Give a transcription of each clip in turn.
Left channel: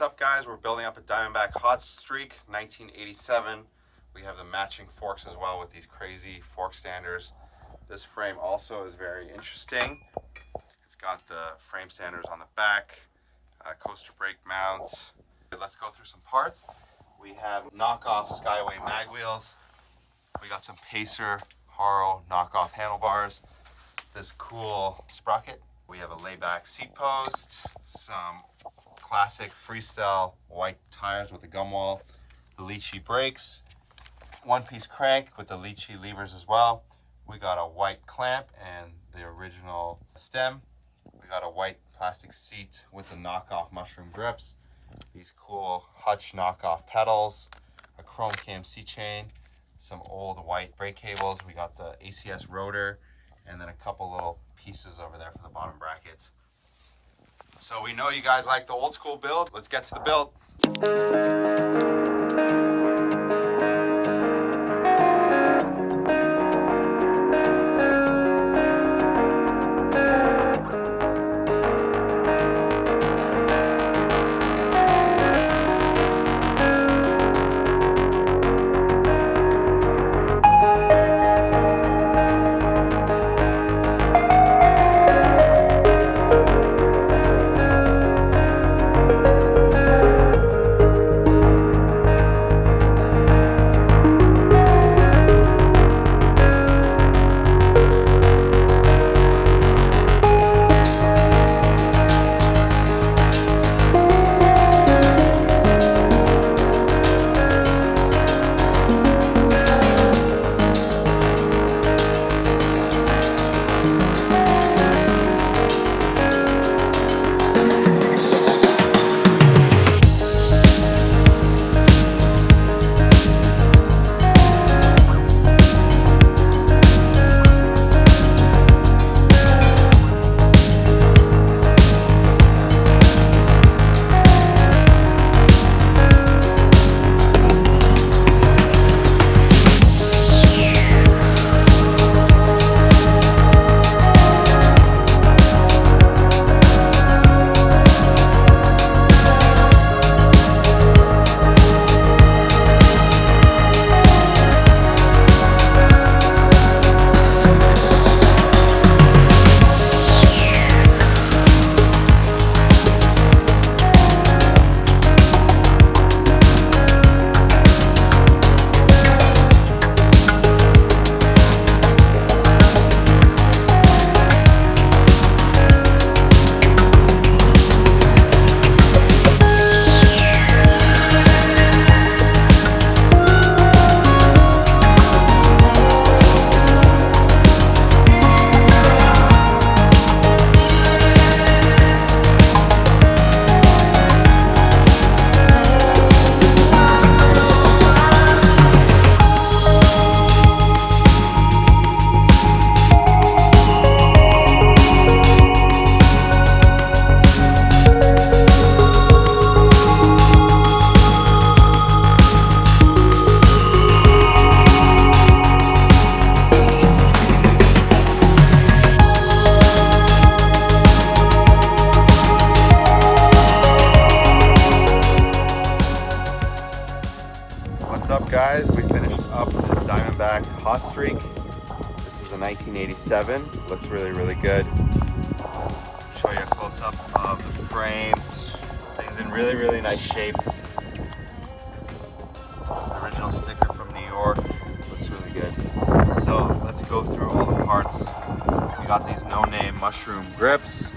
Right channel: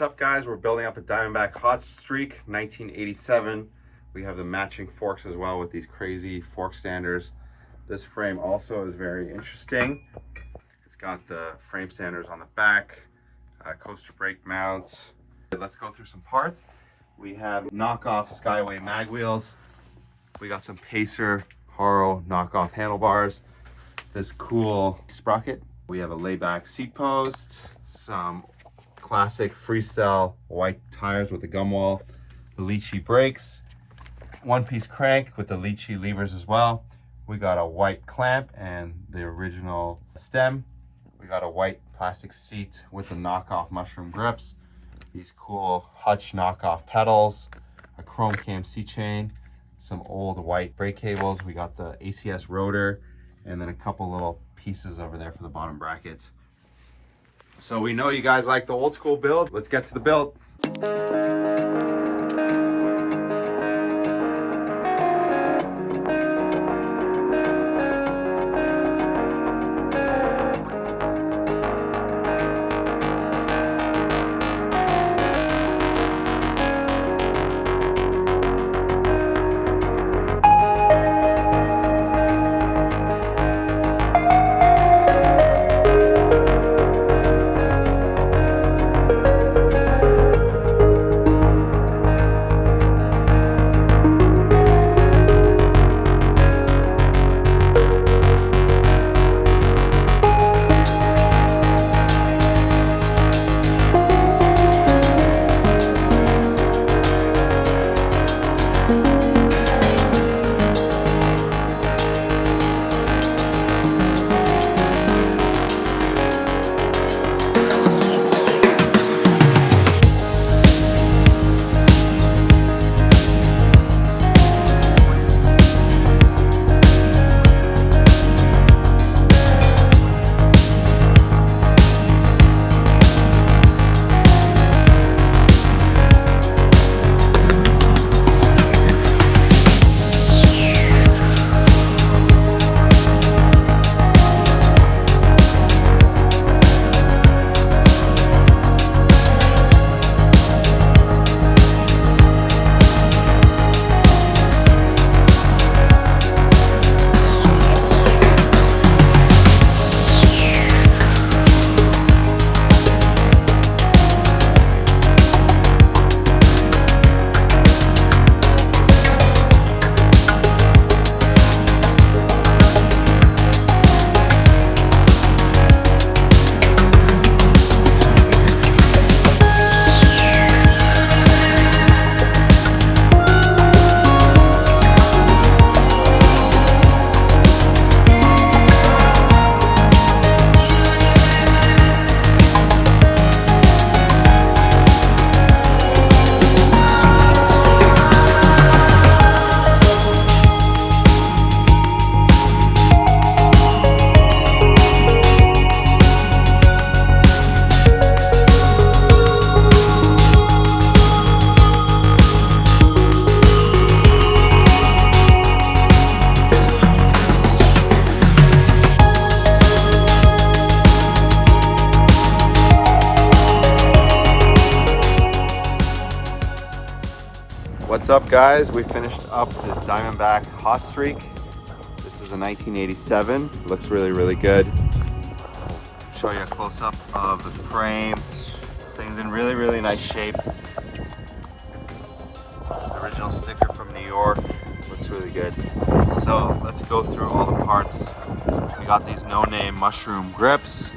What's up, guys? We're building up a Diamondback Hot Streak 1987. We have the matching forks as well with these crazy fork standers. This frame also is very interesting. It's got the frame standers on the back, coaster brake mounts. Let's go through some parts. We have knockoff Skyway mag wheels. We got some Pacer Haro knockoff handlebars. This cool sprocket. We have a layback seat post, some classic freestyle white tires with the gum wall, the Lychee brakes, one-piece crank with the Lychee levers as well. We got a white clamp and the original stem. We got a white plastic seat with the knockoff mushroom grips, these cool Hutch knockoff pedals, a chrome KMC chain, some old white brake cables. We got the ACS rotor, and then a couple little pieces over there for the bottom brackets. So we know you guys like the old school build. Let's get to the build. What's up, guys? We finished up this Diamondback Hot Streak. This is a 1987. Looks really, really good. Show you a close-up of the frame. This thing's in really, really nice shape. Original sticker from New York. Looks really good. So let's go through all the parts. We got these no-name mushroom grips,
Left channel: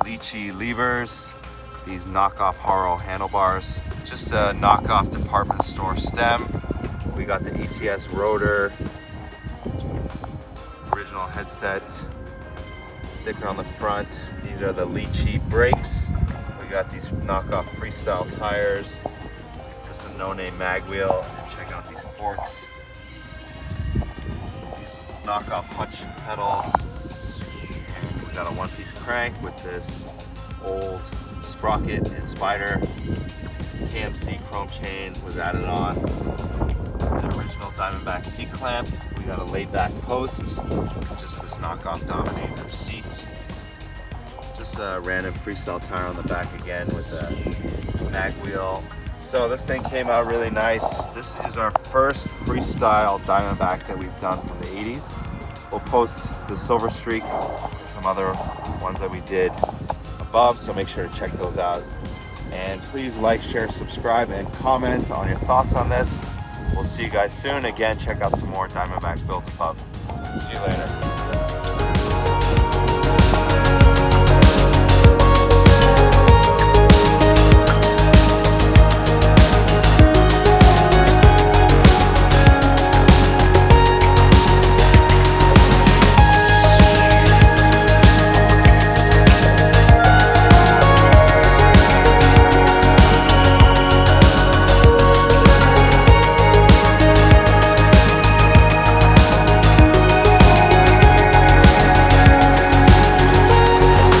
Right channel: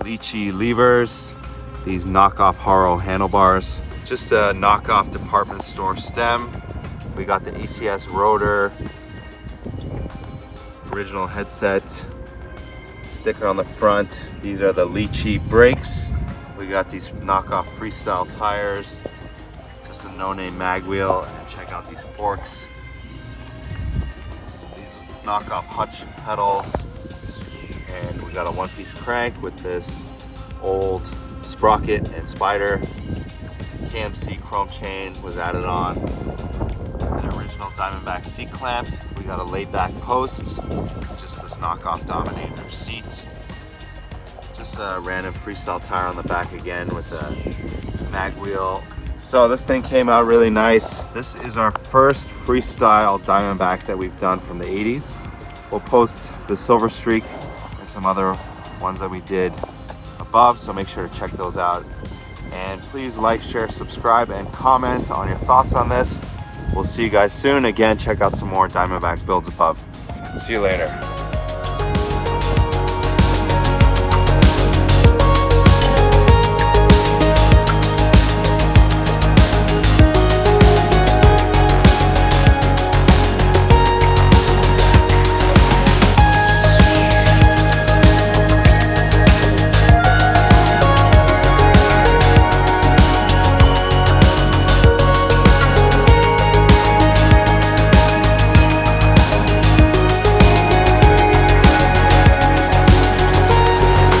Lychee levers, these knockoff Haro handlebars, just a knockoff department store stem. We got the ACS rotor, original headset, sticker on the front. These are the Lychee brakes. We got these knockoff freestyle tires, just a no-name mag wheel. Check out these forks, these knockoff Hutch pedals, and we got a one-piece crank with this old sprocket and spider. KMC chrome chain was added on. The original Diamondback seat clamp. We got a laid back post, just this knockoff Dominator seat. Just a random freestyle tire on the back again with a mag wheel. So this thing came out really nice. This is our first freestyle Diamondback that we've done from the 80s. We'll post the Silver Streak and some other ones that we did above, so make sure to check those out. And please like, share, subscribe, and comment on your thoughts on this. We'll see you guys soon. Again, check out some more Diamondback builds above. See you later.